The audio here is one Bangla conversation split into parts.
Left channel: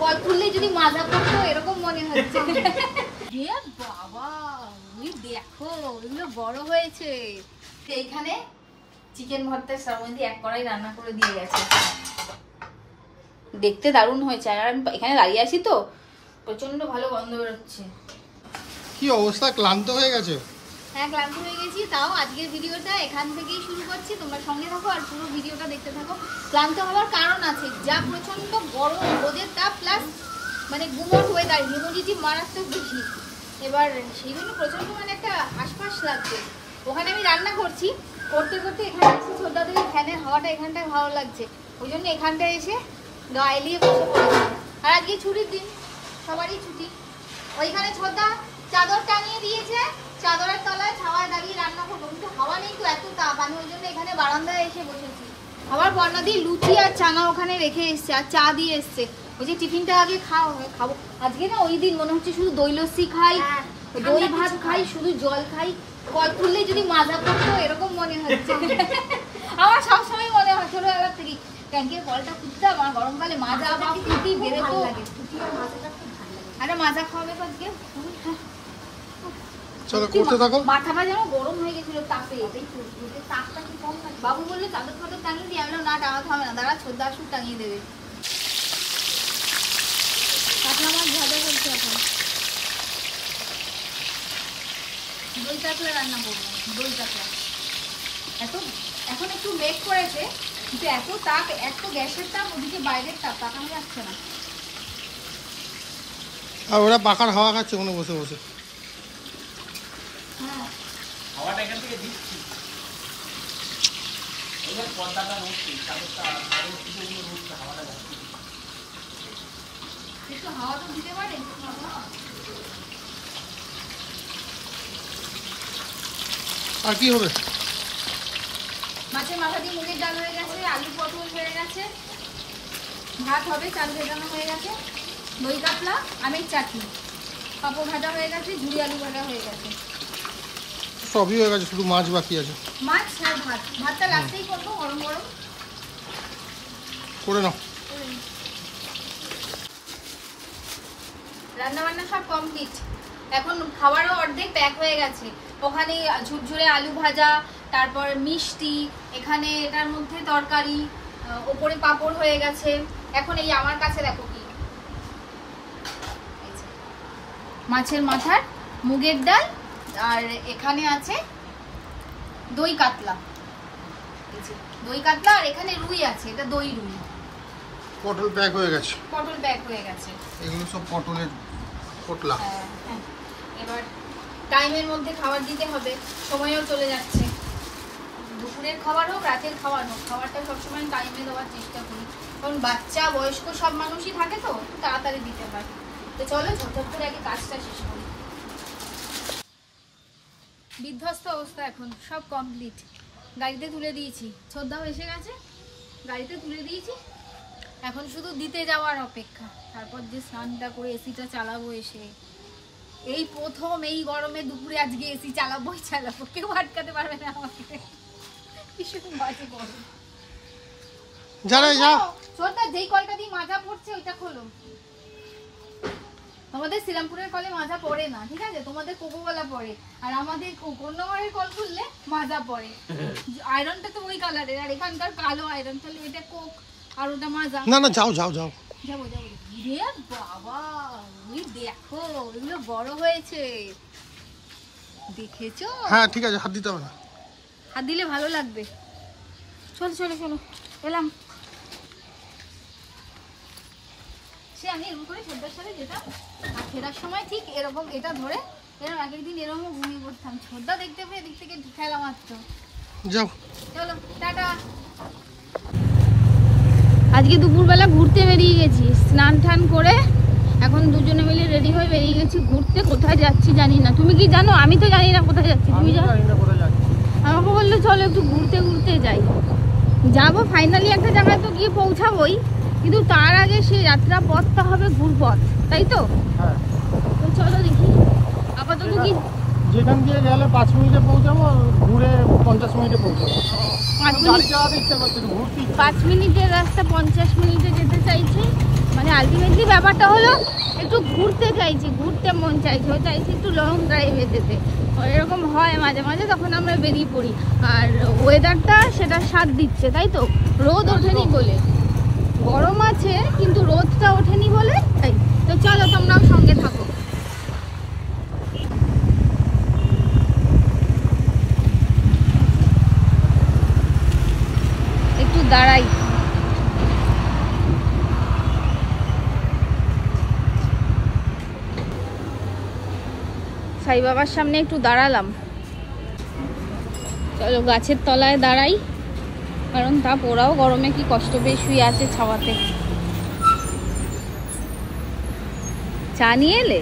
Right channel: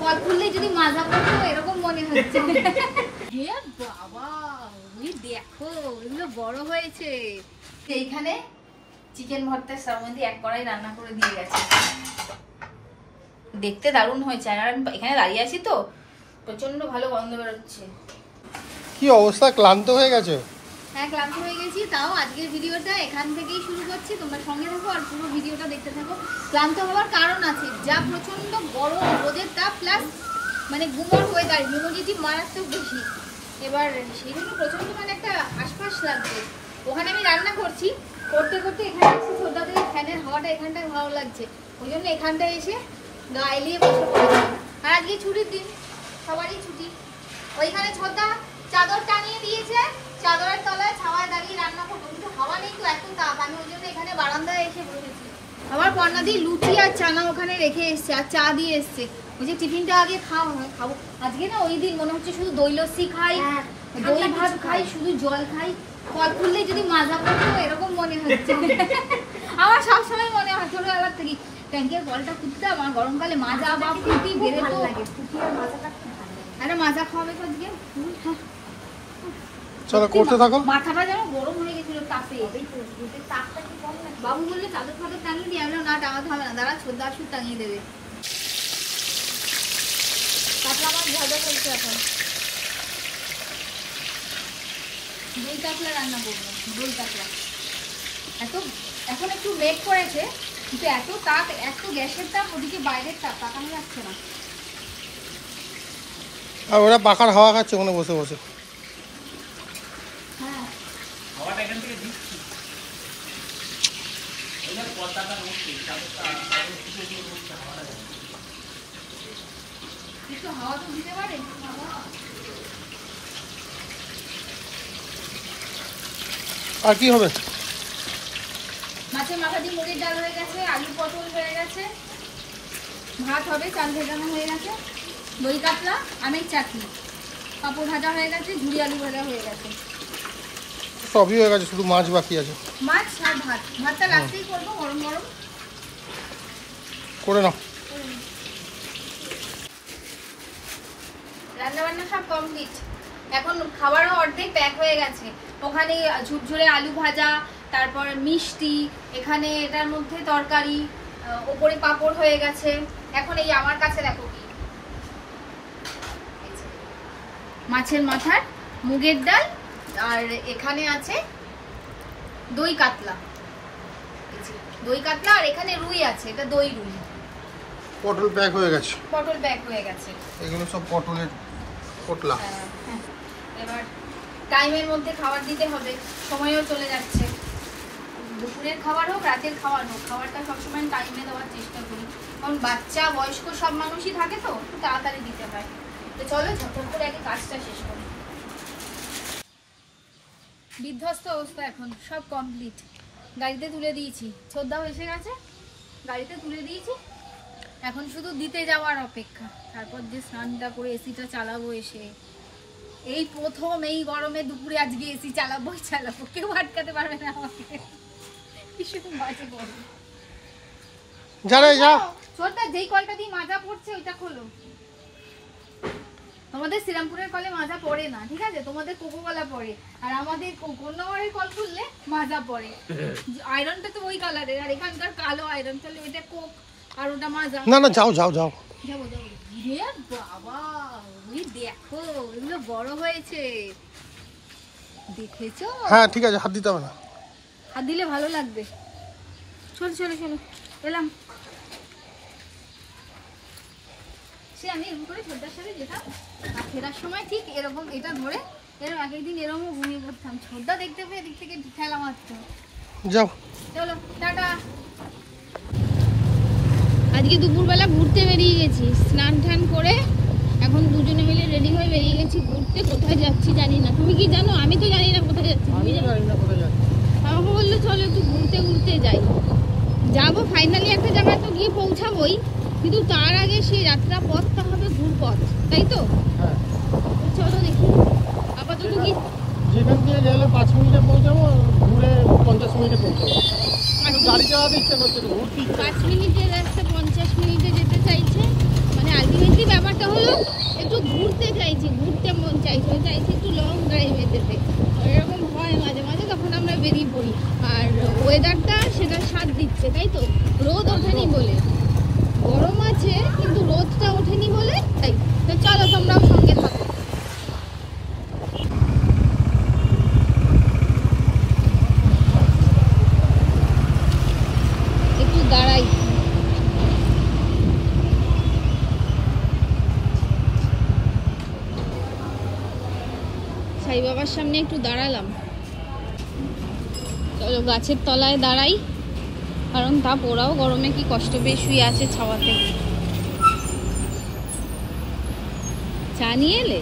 কল খুললে যদি মাজা করতো এরকম মনে হচ্ছে। বাবা ওই দেখো ওগুলো বড় হয়েছে। এইখানে চিকেন ভর্তার সম্বন্ধে এক কড়াই রান্না করে দিয়ে গেছে, দেখতে দারুণ হয়েছে। আর এখানে দাঁড়িয়ে আছি তো প্রচন্ড ভালো গন্ধ বেরোচ্ছে। কি অবস্থা, ক্লান্ত হয়ে গেছে? হ্যাঁ ক্লান্ত হয়ে গেছি, তাও আজকের ভিডিওটা এখান থেকেই শুরু করছি। তোমরা সঙ্গে থাকো আর পুরো ভিডিওটা দেখতে থাকো। ক্লান্ত হওয়ার কারণ আছে, যা প্রচন্ড গরম রোদের তাপ প্লাস মানে গুমট ওয়েদার, হিউমিডিটি মারাত্মক বেশি। এবার সেই জন্য প্রচন্ড মানে একটা আশপাশ লাগছে। ওখানে আমি রান্না করছি, করতে করতে এখানে এসে ছোটা থেকে ফ্যানের হাওয়াটা এখানটায় ভালো লাগছে, ওই জন্য এখানটায় এসে গায়ে বসে পড়েছি। আর আজকে ছুটির দিন, সবারই ছুটি। ওইখানে ছোটা চাদর টানিয়ে দিয়েছে, চাদরের তলায় ছাওয়ায় দাঁড়িয়ে রান্না করবো, কিন্তু হাওয়া নেই তো, এত তাপ। আমি ওই জন্য এখানে বারান্দায় এসে বসেছি। আমার বর্ণাদি লুচি আর চানা ওখানে রেখে এসছে আর চা দিয়ে এসছে। ওই যে টিফিনটা আগে খাবো। আজকে না ওই দিন মনে হচ্ছে শুধু দই লস্যি খাই, দই ভাত খাই, শুধু জল খাই। কল খুললে যদি মাজা করতো এরকম মনে হচ্ছে। আমার সবসময় মনে হয় ছোটবেলার থেকে ট্যাঙ্কের কলটা খুঁজতে আমার গরমকালে মাজা বা ফুটি বেরোতো লাগে। আরে মাজা খাওয়াবে তো আজকে। চলো করতে থাকো। মাথাটা যেন গরম হয়ে গেছিল তাপে। বাবু বললো চাদর ফাদর টাঙিয়ে দিয়ে, আমি না টাঙাতে হবে না, দাঁড়া ছোটদা আসুক টাঙিয়ে দেবে। আমার ভাজা করছে এখন দই কাতলা রান্না করবো। দই কাতলা এখন একটু মেঘ করেছে, কিন্তু এত তাপ, এত গ্যাসের তাপ, ওদিকে বাইরের তাপ, তাকানো যাচ্ছে না। আর ওরা পাখার হাওয়া খাচ্ছে ওখানে বসে বসে। হ্যাঁ একটু হাওয়া তো দিতে পারে। আর কি হবে? মাছের মাথা দিয়ে মুগের ডাল হয়ে গেছে, আলু পটল হয়ে গেছে, ভাত হবে, চাল ভেজানো হয়ে গেছে, দই কাতলা, আমের চাটনি, পাঁপড় ভাজা হয়ে গেছে, ঝুড়ি আলু ভাজা হয়ে গেছে, সবই হয়ে গেছে, শুধু মাছ বাকি আছে। মাছ আর ভাত। ভাতটা লাস্টেই করবো, গরম গরম করে নাও। রান্না বান্না সব কমপ্লিট। এখন খাবারও অর্ধেক প্যাক হয়ে গেছে। ওখানে ঝুরঝুরে আলু ভাজা, তারপর মিষ্টি, এখানে এটার মধ্যে তরকারি, ওপরে পাঁপড় হয়ে গেছে। এখন এই আমার কাছে দেখো কি মাছের মাথার মুগের ডাল, আর এখানে আছে দই কাতলা। দই কাতলা আর এখানে রুই আছে, এটা দই রুই। পটল প্যাক হয়ে গেছে। পটল প্যাক হয়ে গেছে। এগুলো সব পটলের পটলা। এবার টাইমের মধ্যে খাবার দিতে হবে, সময়ও চলে যাচ্ছে। দুপুরের খাবার হোক রাতের খাবার হোক, খাবারটা সবসময় টাইমে দেওয়ার চেষ্টা করি, কারণ বাচ্চা বয়স্ক সব মানুষই থাকে তো, তাড়াতাড়ি দিতে হয়। তো চলো ঝটঝট করে আগে কাজটা শেষ করি। বিধ্বস্ত অবস্থা, এখন সব কমপ্লিট। গাড়িতে তুলে দিয়েছি, ছোটদাও এসে গেছে, গাড়িতে তুলে দিয়েছি। এখন শুধু দিতে যাওয়ার অপেক্ষা। তারপর যে স্নানটা করে এসিটা চালাবো এসে, এই প্রথম এই গরমে দুপুরে আজকে এসি চালাবোই চালাবো, কেউ আটকাতে পারবে না আমাকে। ভীষণ বাজে গরম। ছোটদা যেই কলটা দিয়ে মাজা পড়ছে ওইটা খোলো। তোমাদের শ্রীরামপুরের কলে মাজা পড়ে না, ঠিক আছে? তোমাদের কোকো কলা পড়ে, আর আমাদের কন্যাগড়ের কল খুললে মাজা পড়ে। আয়রনটা তো ওই কালারের, আর এখানকার কালো আয়রন। তাহলে এটা কোক আর ওটা মাজা। না না যাও যাও যাও। যাবো যাবো। রে বাবা ওই দেখো ওগুলো বড় হয়েছে, দেখেছো? হ্যাঁ ঠিক আছে, হাত দিতে হবে না। হাত দিলে ভালো লাগবে। চলো চলো চলো, এলাম। সে আমি এরকম করে ছোটদার সাথে যেতাম, আর ফেরার সময় ঠিক এরকম এটা ধরে এরকম আগের দিন এরকম ঘুমিয়ে পড়তাম। ছোটদা দেখতে পেয়ে এদিক থেকে খেলা মারত। যাও চলো টাটা। আজকে দুপুরবেলা ঘুরতে বেরিয়ে গেছি, স্নান টান করে এখন দুজনে মিলে রেডি হয়ে বেরিয়ে গেছি ঘুরতে। কোথায় যাচ্ছি জানি না, তুমি কি জানো? আমি তো জানি না কোথায় যাচ্ছি। তুমি জানো? আমাকে বললো চলো একটু ঘুরতে ঘুরতে যাই। যাবো ফাইনালি একটা জায়গায় তো গিয়ে পৌঁছাবোই, কিন্তু তার আগে সেই যাত্রা পথটা হবে ঘুরপথ, তাই তো? হ্যাঁ তো চলো দেখি। আপাতত কি যেখান দিয়ে গেলে 5 মিনিটে পৌঁছাবো, ঘুরে 50 মিনিটে পৌঁছাবো। 5 মিনিটের রাস্তা 50 মিনিটে যেতে চাইছে। মানে আলটিমেটলি ব্যাপারটা হলো একটু ঘুরতে চাইছি, ঘুরতে মন চাইছে, ও চাইছে একটু লং ড্রাইভে যেতে। এরকম হয় মাঝে মাঝে, তখন আমরা বেরিয়ে পড়ি। আর ওয়েদারটা সেটা সাথ দিচ্ছে, তাই তো? রোদ ওঠেনি বলে, গরম আছে কিন্তু রোদটা ওঠেনি বলে তাই। তো চলো তোমরাও সঙ্গে থাকো। একটু দাঁড়াই। সাই বাবার সামনে একটু দাঁড়ালাম। চলো গাছের তলায় দাঁড়াই, কারণ তাপ, ওরাও গরমে কি কষ্ট পেয়ে শুয়ে আছে ছাওয়াতে। চা নিয়ে এলে?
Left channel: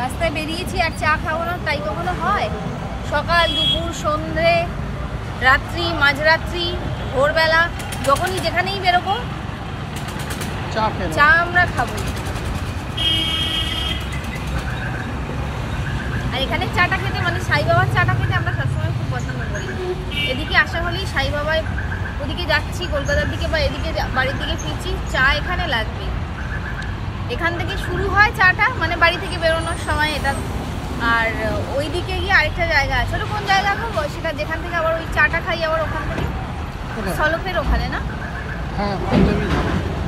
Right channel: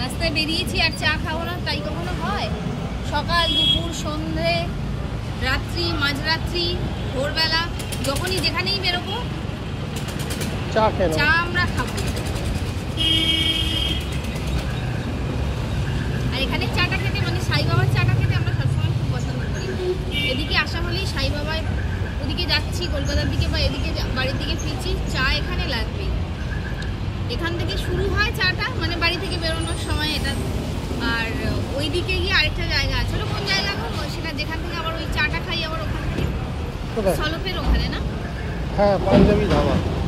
রাস্তায় বেরিয়েছি আর চা খাবো না তাই কখনো হয়? সকাল, দুপুর, সন্ধ্যে, রাত্রি, মাঝরাত্রি, ভোরবেলা, যখনই যেখানেই বেরোবো চা আমরা খাবো। আর এখানে চাটা খেতে, মানে সাই বাবার চাটা খেতে আমরা সবসময় খুব পছন্দ করি। এদিকে আসা হলেই সাই বাবায়, ওদিকে যাচ্ছি কলকাতার দিকে বা এদিকে বাড়ির দিকে ফিরছি, চা এখানে লাগবেই। এখান থেকে শুরু হয় চাটা, মানে বাড়ি থেকে বেরোনোর সময় এটা। আর ওই দিকে গিয়ে আরেকটা জায়গা আছে, ওটা কোন জায়গা খাবো সেটা, যেখান থেকে আবার ওই চাটা খাই আবার ওখান থেকে সলপের ওখানে, না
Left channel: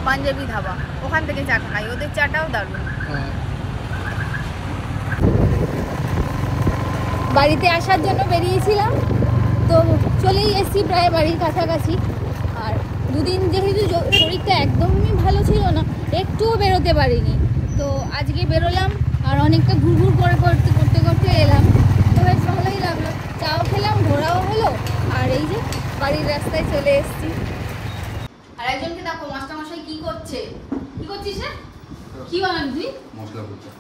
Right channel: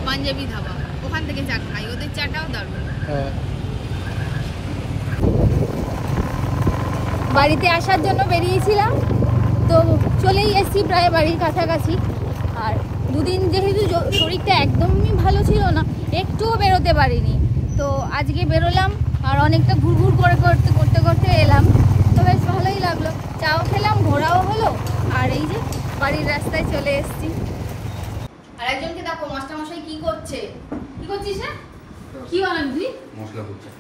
পাঞ্জাবি ধাবা, ওখান থেকে চা খাই, ওদের চাটাও দারুণ। বাড়িতে আসার জন্য বেরিয়েছিলাম, তো চলেই এসেছি প্রায় বাড়ির কাছাকাছি। আর দুদিন যেহেতু শরীরটা একদমই ভালো ছিল না, একটুও বেরোতে পারিনি, তো আজকে বেরোলাম আর অনেকটা ঘুরঘুর করতে এলাম। তো বেশ ভালোই লাগলো, চাও খেলাম, ঘোরাও হলো, আর এই যে বাড়ির রাস্তায় চলে এসেছি। আর একজনকে দেখো মাস্টারমশাই কি করছে। কি করছিস রে? কি বানাবি তুই? মশলা কুচা।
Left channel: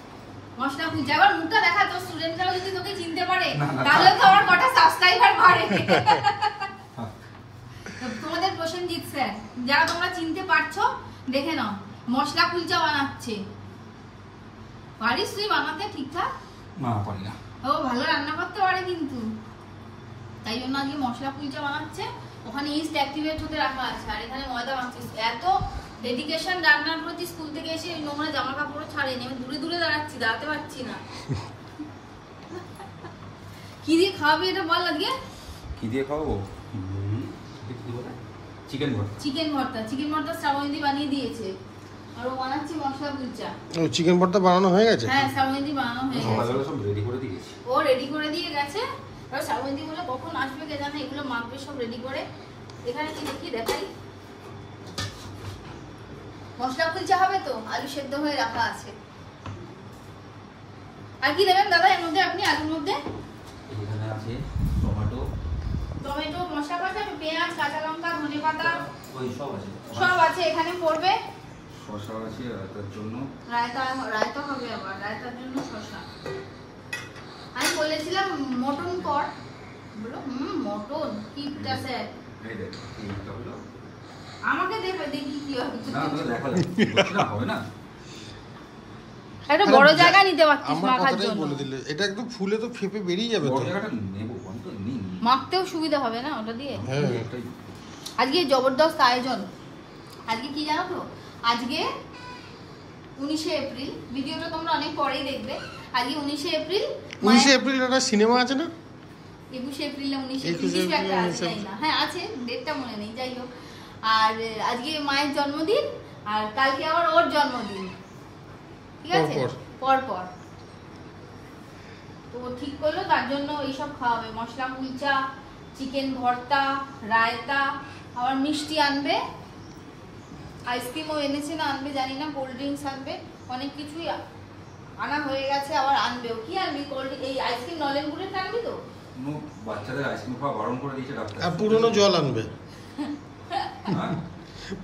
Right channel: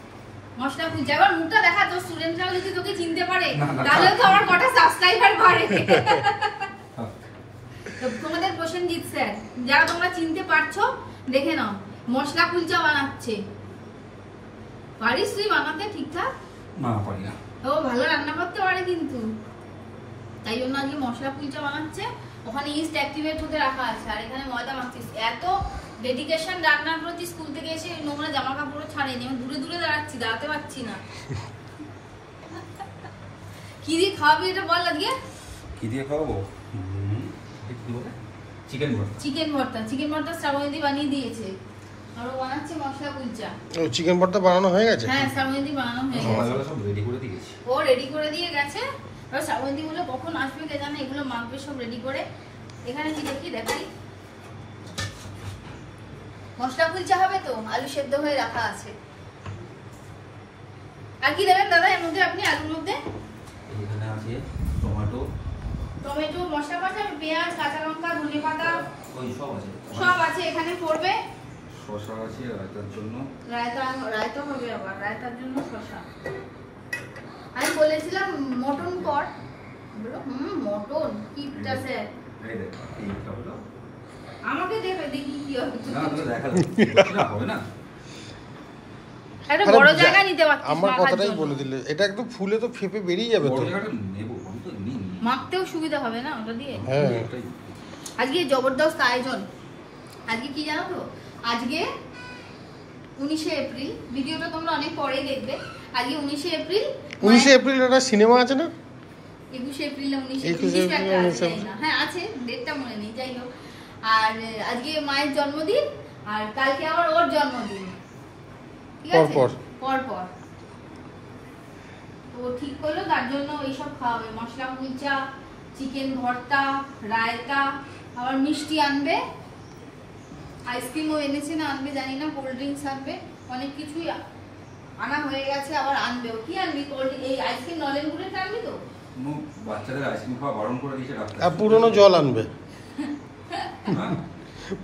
মশলা কুচা। আবার মুখটা দেখা, তোর স্টুডেন্টরাও যদি তোকে চিনতে পারে তাহলে তো আমার কটা সাবস্ক্রাইবার বাড়ে। তোমাদের প্রসেনজিৎ স্যার, যারা তোমরা চিনতে পারছো দেখে নাও, মশলা কুলচা বানাচ্ছে। পারিস তুই বানাতে ঠিকঠাক? না পারি না। ও ভালো রান্না করতে পারে কিন্তু, তাই জন্য আজকে মশলা কুলচা বানাচ্ছে। ওখানে ইস্ট অ্যাক্টিভেট হতে রাখা আছে, আর এখানে ময়দা মাখছিস। এত ডেডিকেশন রান্নার প্রতি, স্কুল থেকে এসে নোংরা জামা কাপড় ছাড়েনি, আমি দূরে দূরে দাঁড়াচ্ছি, দাঁড়াতে পারছি না। কি দিয়ে খাওয়াবি এটা বল আজকে? কি দিয়ে খাওয়াবো? চিকেন ভর্তা। চিকেন ভর্তা। চিকেন ভর্তা শ্রাবণী বানিয়ে দিয়েছে, আর ও বানাচ্ছে মশলা কুলচা। ও চিকেন ভর্তা বানানো হয়ে গেছে? হ্যাঁ শ্রাবণী বানানো হয়ে গেছে, সব রেডি করে দিয়েছি। ও রেডি করে দিয়ে গেছে। এবার শ্রাবণী বলে কখন আসবে কে জানে, এগুলো মাখবে সব রেডি করে। এখানে কি দেখি দেখাই, মশলা কুলচা হবে তো, আলু সেদ্ধ হয়ে রাখা আছে। আর কি দেবেন দাদা এর মধ্যে আপনি? আলুর মধ্যে এখানে আছে টমেটো, মশলা পাতা, পেঁয়াজ, কাঁচা লঙ্কা, ধনেপাতা, ওই সব আছে, সব আছে এখানে পড়বে। শসা আছে রায়তার জন্য। রায়তা হবে, আবার রায়তার জন্য শসা। আমি বলেছিলাম মটন কর, বলো মটন কি আছে। এই দেখ এইটা হলো, আমাকে দেবে, দেখি কি হবে। না তুমি দেখালে না হবে না। একটা বড় জায়গা নিতে পারছিস না। আমার কথাটাই বলে দিলে, এটা একদম ফুলে তো ফেপে বেরিয়ে যাবে তো। বড় জায়গাটা নেব, আমি তো নিই। মাখতেও সুবিধা হবে না ওটা দিয়ে। হ্যাঁ আজকে জবরদস্ত আয়োজন। আজকে কি জানো তো, আজকে 19শে এপ্রিল, ভিডিওটা তোমরা অনেক পরেই দেখবে। আজকে 19শে এপ্রিল। 19শে এপ্রিল একটা সিনেমা আছে না? 21শে এপ্রিল না 19শে 21শে এপ্রিল, হ্যাঁ আছে, ডেটটা মনে নেই, যাই হোক। আর আজকে মায়ের জন্মদিন, আর কালকে আবার ওর জন্মদিন, ঠিক আছে, পর পর। তো ঠিক করলো, তার জন্য এইসব খাওয়াবে, মশলা কুলচা, চিকেন ভর্তা, রায়তা, আবার মিষ্টি আনবে, আইসক্রিমও এনেছে না আনবে জানি না, কোল্ড ড্রিঙ্কস আনবে, অনেক কিছুই আনা হয়ে গেছে, আবার আনবেও। কি আনবি? কোল্ড এই আইসক্রিম নলেন গুড়ের আনবি তো? বাচ্চাদের আইসক্রিম খাওয়া বারণ করে দিয়েছে ডাক্তার। আর পুরনো জল আনবে,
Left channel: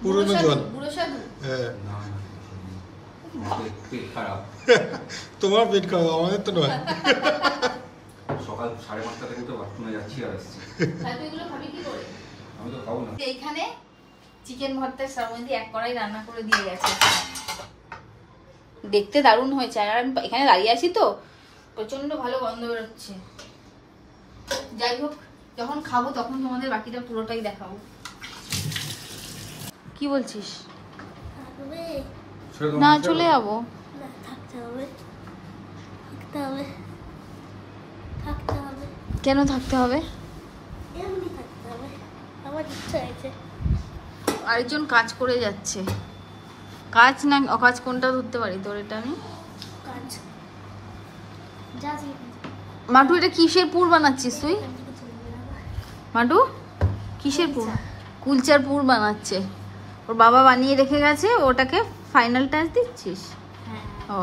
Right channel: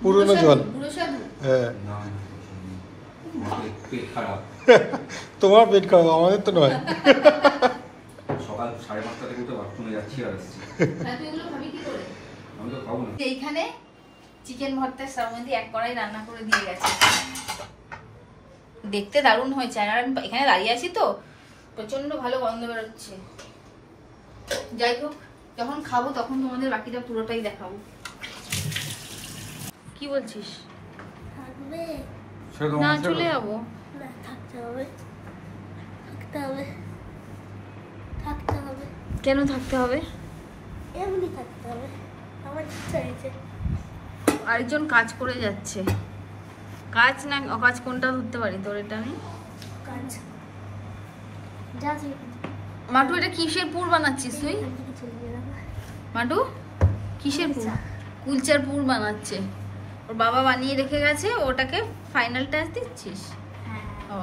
পুরনো জল। পুরো সাধু। হ্যাঁ পেট খারাপ। তোমার পেট খারাপ, আমাদের তো নয়। সকাল 5:30 থেকে তো বাথরুমে যাচ্ছি আর আসছি। তুই এগুলো খাবি কি করে? আমি তো খাবো না। এইখানে চিকেন ভর্তা শ্রাবণী এক কড়াই রান্না করে দিয়ে গেছে, দেখতে দারুণ হয়েছে। আর আমি এখানে দাঁড়িয়ে আছি তো, প্রচন্ড ভালো গন্ধ বেরোচ্ছে। যাই হোক, যখন খাবো তখন তোমাদের বাকিটা পুরোটাই দেখাবো। কি বলছিস? ছেড়ে দেবো না ছেড়ে চলে দেবো। যাবো। কেন থাকতে হবে? আরেকজন কাজ করে যাচ্ছে। কাজ না অকাজ কোনটা ধরতে পারি তোর? এটা আমি মাটু, এটা কিসের পুর বানাচ্ছিস তুই? মাটু কিসের পুর? কুলচার পুর বানাচ্ছে। ওর বাবা বানিয়ে রেখে গেছে, ওটাকে ফাইনাল টাচ দিচ্ছিস? ও,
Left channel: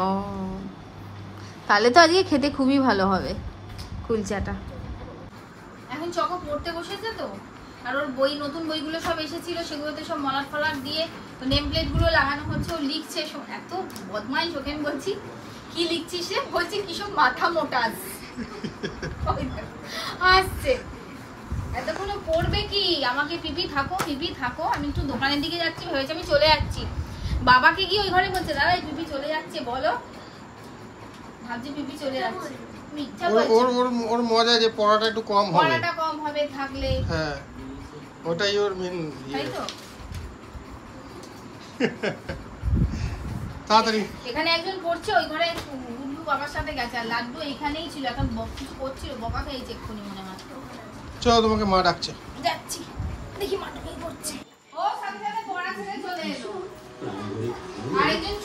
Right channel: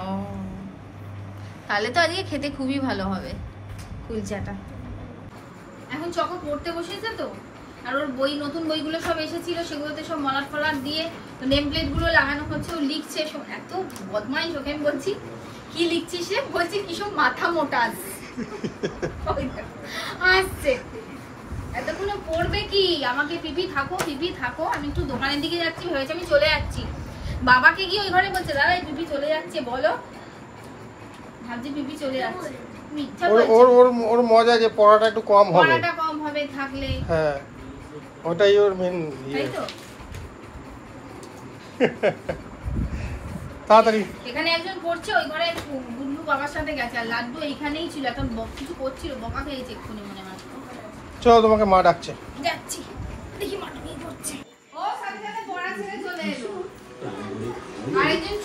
তাহলে তো আজকে খেতে খুবই ভালো হবে কুলচাটা। এখন চকো পড়তে বসেছে তো, আর ওর বই, নতুন বইগুলো সব এসেছিল, সেগুলোতে সব মলাট ফলাট দিয়ে তো নেম প্লেট গুলো লাগানো হচ্ছে। ও লিখছে, এত বদমাইশ ওকে বলছি কি লিখছিস রে? বলছি ভীষণ মাথা মোটা আসছে। এতক্ষণ পড়বে কি? আমাকে পিপি থাকো পিপি থাকো, আমি একটু দোকানের দিকে যাচ্ছি, ভেবেছি আমি চলে যাচ্ছি। বাবাকে গিয়ে ওই ঘরে বলছে দাদা এই পিপি চলে যাচ্ছে, বলো। ভাবছি পিপি চলে যাচ্ছে, ওর মজা যে পড়াটা একটু কম হবে, পড়াটা কম হবে থাকলে। হ্যাঁ ওটাই ওর মেন। তাই তো। তাড়াতাড়ি এখানে একজন পড়ছে, ওই ঘরে গুড্ডু বাবার সাথে গেছে, আর লাড্ডু এইখানেই ছিল। এখন কিছু করছিল, বকা খেয়েছে এক্ষুনি মনে হয়। চলো তোমাকে মা ডাকছে। যাচ্ছি, দেখি মা কি করছে। ও সাথে সাথে পড়া ছেড়ে চলে এলো। আরেকজন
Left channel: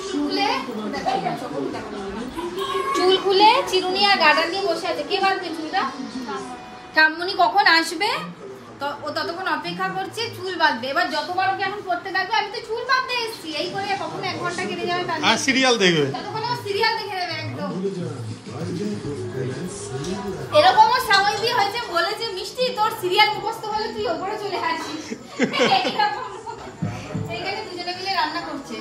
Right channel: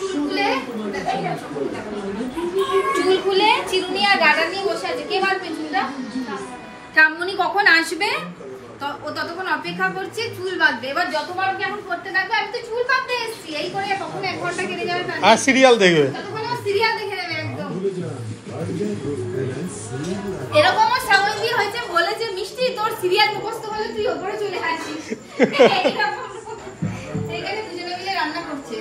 চুল খুলে চিরুনি আর ডাটা নিয়ে বসে আছে। কে বাঁধবে চুলটা? ঠাম্মনি কখন আসবে ও ততক্ষণ অপেক্ষা করছে, চুল বাঁধবে। এবার যতবার ওকে এখন করতে থাকবে, আমি তো চুল বাঁধতে এসেছি, এই করে কখন 1 ঘন্টা কেটে যাবে, আর সিরিয়াল দেখবে, ততক্ষণ সিরিয়াল দেখে নেবে একদম। এরকম আমার সময় দিয়ে হয়েছে, বলেছে মিষ্টি তোর সিরিয়াল মুখস্থ হলে তুই ওপরে চলে আসিস। এইখানে দুজনে মিলে রান্না করছে।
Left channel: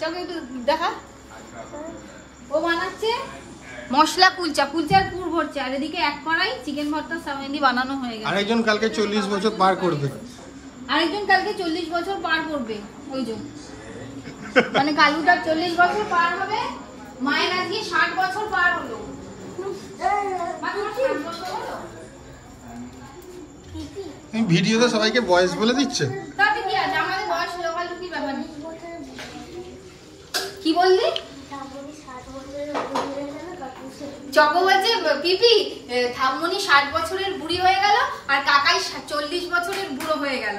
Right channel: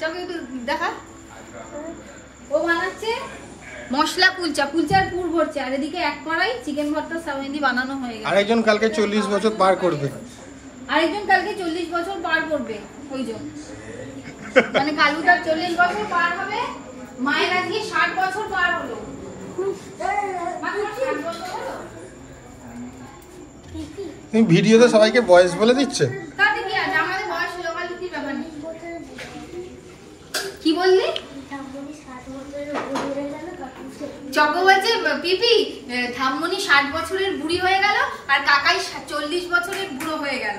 চলো একটু দেখা। ও বানাচ্ছে মশলা কুলচা, কুলচার পুর ভরছে, আর এদিকে এক কড়াই চিকেন ভর্তা সামেন্দি বানানো হয়ে গেছে। আরেকজন কালকে 40 বছর পার করবে। আরেকজন কালকে 40 বছর পার করবে। ওইজন মানে কালুটার 40 বছর পার হবে, মায়ের আজকে 60 বছর পার হলো। ভিডিওতে সবাইকে বয়স বলে দিচ্ছে। তাতে কি আছে, আমাদের বয়স লোকালু কি ব্যাপার নেই। কি বললি? চকো বলছে পিপি ঠাম্মনি 60 বছরের বুড়ি হয়ে গেল, আর কাকাই 40 বছরের বুড়ো হয়ে গেল।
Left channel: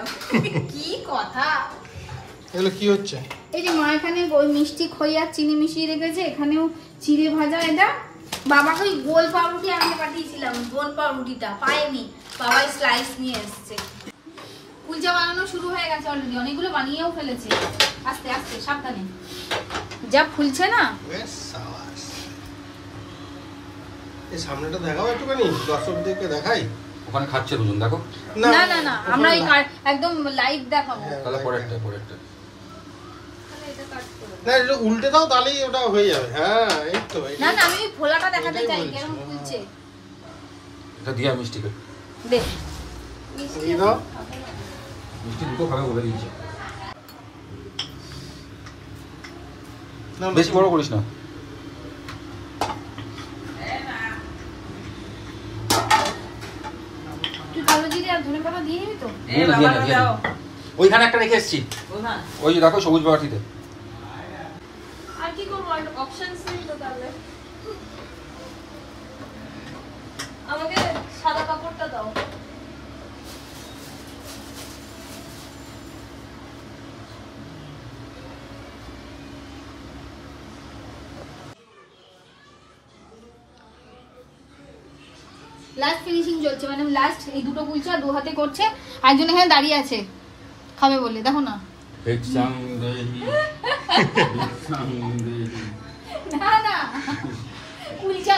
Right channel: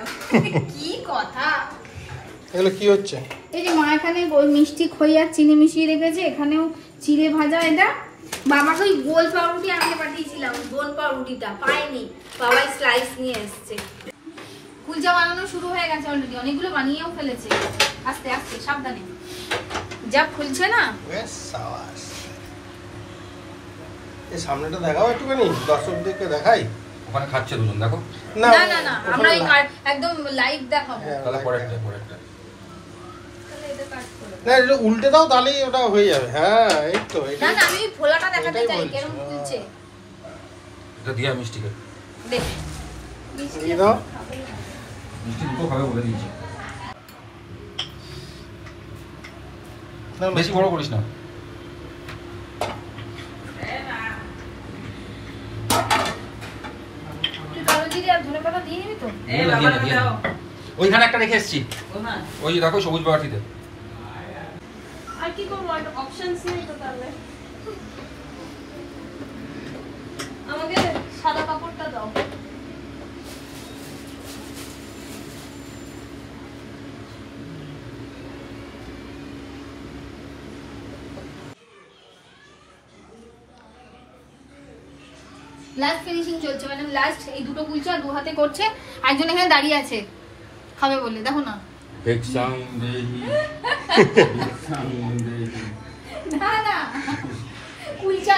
কি কথা এগুলো কি হচ্ছে? এই যে মা এখানে মিষ্টি খই আর চিনি মিশিয়ে রেখেছে, এখানেও চিড়ে ভাজা। এটা বাবাকে ওই গোল পাউরুটি আনতে পাঠিয়েছিলাম, গোল পাউরুটিটা পাইনি, বাবাই স্লাইস নিয়ে এসছে। কুলচা বানানো শুরু হয়ে গেছে অলরেডি, অনেকগুলো বানিয়েও ফেলেছে। আস্তে আস্তে সাবধানে, যা ফুলছে না। এই সামনেটা দেখাও একটুখানি, দর্শকদেরকে দেখাই। ওখানে খাচ্ছে দুজন, দেখো। না না না, আমরা একদম লাইভ দেখাবো। তাহলে পরেরটা তাহলে এটা কাট করো। না এটা উল্টে দাও, তাহলেই ওটা হয়ে যাবে। হ্যাঁ এই তো। না না, আমি ফোলাটা দেখাতে চাই কেমন ফুলছে। এটা দিয়া মিষ্টিকে দে মিষ্টি দাও। মিষ্টি দুটো খাবে বলে দিয়েছে। বেশি বড় করিস না। তুই কালো জিরে আর ধনেপাতা দিয়ে নিবি তো? ওইখানে একটা রেখে এসেছি, ওই দেখো সবুজ বাটিতে। আর কি করবো, অপশনস নেই তো। তাহলে আমাকে সাদা কাপড়টা দাও। লাস্ট ফিনিশিং চলছে, মানে লাস্ট এই দুটো কুলচা 2 হাতে করছে। একজন এখানে দাঁড়িয়ে আছে খাবে বলে, দেখো না। না না, কুলচা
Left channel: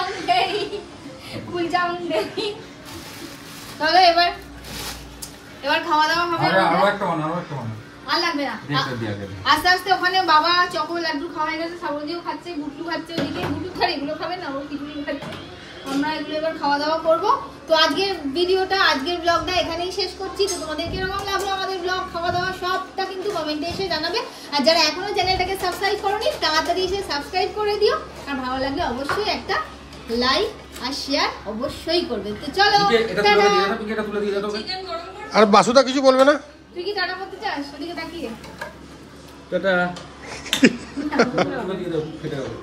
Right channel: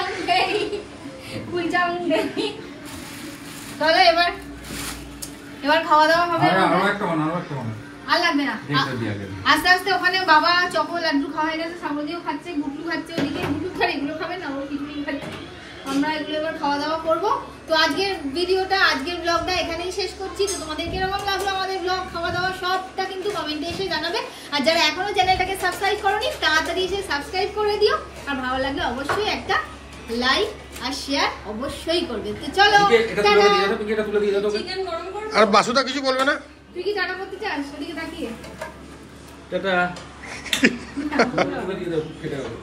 তাহলে এবার খাওয়া দাওয়া হবে। আর লাগবে না, আস্তে আস্তে। ওখানে বাবা চকো লাড্ডু খাওয়া হয়ে গেছে, সাবদিও খাচ্ছে, গুট্টু খাচ্ছে। ওদিকে গুট্টু খাবে, এগুলো খাবে না, আমরা খিচুড়ি খাচ্ছি। আমরা এগুলো এবার খাওয়া দাওয়া করবো। তো আজকের ভিডিওটা, আজকের ব্লগটা এখানেই শেষ করছি। তো তোমাদের কিরকম লাগলো আমাদের ব্লগ, খাওয়া দাওয়া সবটা কিন্তু কমেন্টে এসে জানাবে। আর যারা এখনো চ্যানেলটাকে সাবস্ক্রাইব করোনি, তাড়াতাড়ি এসে সাবস্ক্রাইব করে দিও। আর ভালো লাগলে অবশ্যই একটা লাইক আর শেয়ার অবশ্যই করবে। তো চলো, আর বাসুদা কিছু বলবে না? তুই কি টাটা করতে চাস? ওদিকে তাকিয়ে টাটা। দিয়ে দাও, খেতে হবে।